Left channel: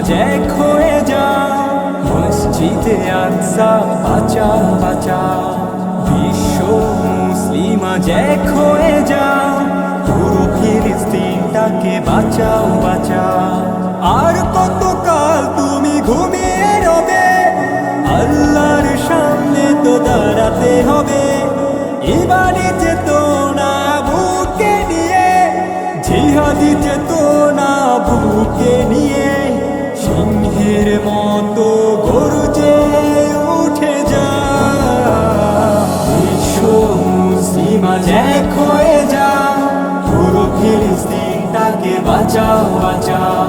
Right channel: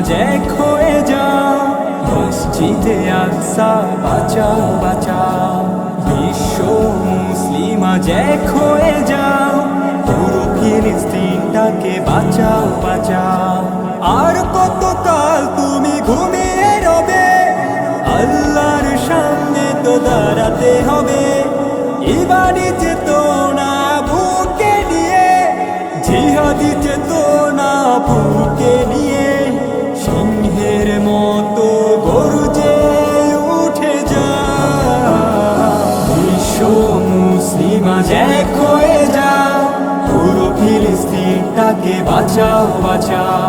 আজ এক হয়ে যাও, মসজিদে আকসা বাঁচাও বাঁচাও। বিশ্ব মুসলিম আজ এক হয়ে যাও, পুরো ফিলিস্তিনটাকে বাঁচাও বাঁচাও। আর কতকাল তুমি ঘুমিয়ে রবে, আল্লাহর সামনে তো দাঁড়াতে হবে। ইমানি চেতনা বুকে নিয়ে, জিহাদি চেতনা বুকে নিয়ে, সিংহের মতো গর্জে উঠে যাও। বিশ্ব মুসলিম আজ এক হয়ে যাও, পুরো ফিলিস্তিনটাকে বাঁচাও বাঁচাও।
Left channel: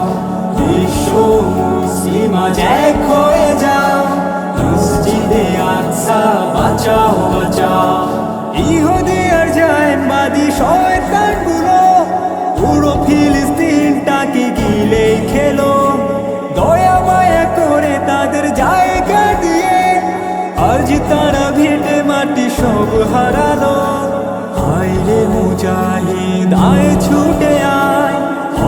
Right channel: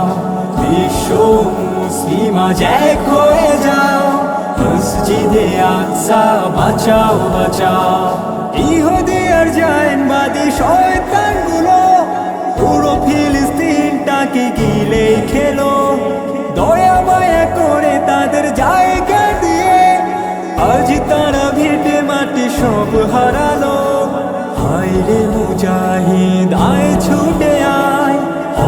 বিশ্ব মুসলিম আজ এক হয়ে যাও, মসজিদে আকসা বাঁচাও বাঁচাও। ইহুদি আর জায়নবাদী শয়তানগুলো পুরো ফিলিস্তিনটাকে গিলেই খেলো। দয়া মায়া করে তাদের জায়গা দিয়ে আজ তারা ভিটে মাটি সব হারালো। হায় রে মুজাহিদ আয় ছুটে আয়,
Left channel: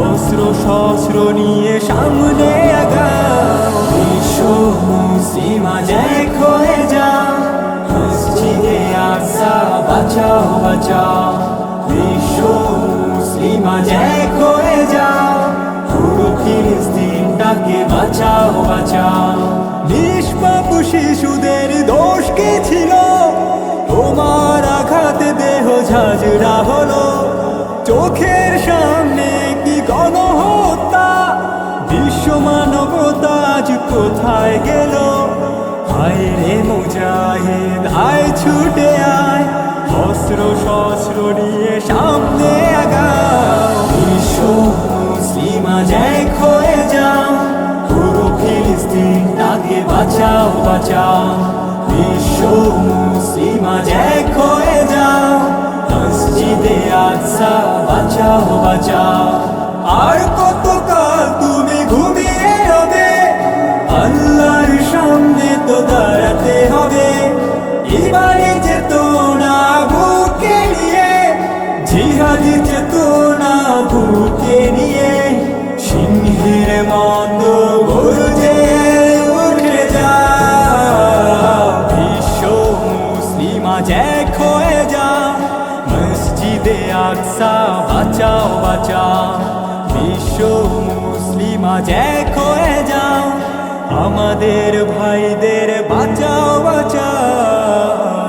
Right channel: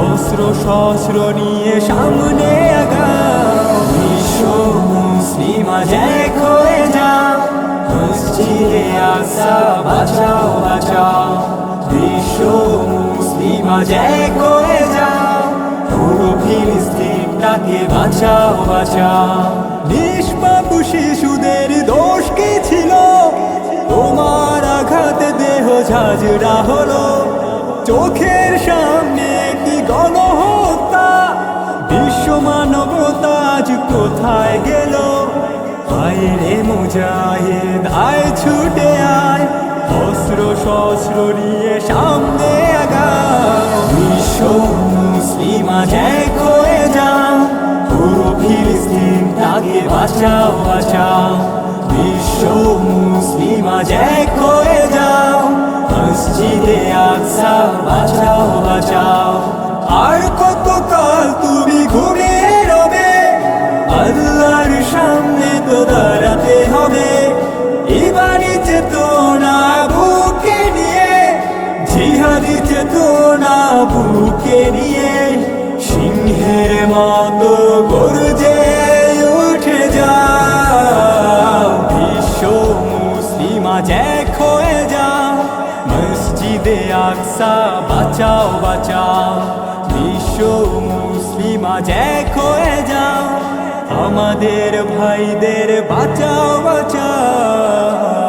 অস্ত্র শস্ত্র নিয়ে সামনে আগাও। বিশ্ব মুসলিম আজ এক হয়ে যাও, মসজিদে আকসা বাঁচাও বাঁচাও। বিশ্ব মুসলিম আজ এক হয়ে যাও, পুরো ফিলিস্তিনটাকে বাঁচাও বাঁচাও। নিষ্পাপ শিশুদের দোষ কি ছিল, তোমার আঘাতে দেহ ঝাঁঝরা হলো। চোখের সামনে কি গণহত্যা, বিশ্ব মানবতা আজ কোথায় গেল। হায় রে মুজাহিদ আয় ছুটে আয়, অস্ত্র শস্ত্র নিয়ে সামনে আগাও। বিশ্ব মুসলিম আজ এক হয়ে যাও, পুরো ফিলিস্তিনটাকে বাঁচাও বাঁচাও। বিশ্ব মুসলিম আজ এক হয়ে যাও, মসজিদে আকসা বাঁচাও বাঁচাও। আর কতকাল তুমি ঘুমিয়ে রবে, আল্লাহর সামনে তো দাঁড়াতে হবে। ইমানি চেতনা বুকে নিয়ে, জিহাদি চেতনা বুকে নিয়ে, সিংহের মতো গর্জে উঠে যাও। বিশ্ব মুসলিম আজ এক হয়ে যাও, মসজিদে আকসা বাঁচাও বাঁচাও। বিশ্ব মুসলিম আজ এক হয়ে যাও, আমাদের ভাইদের বাঁচাও বাঁচাও।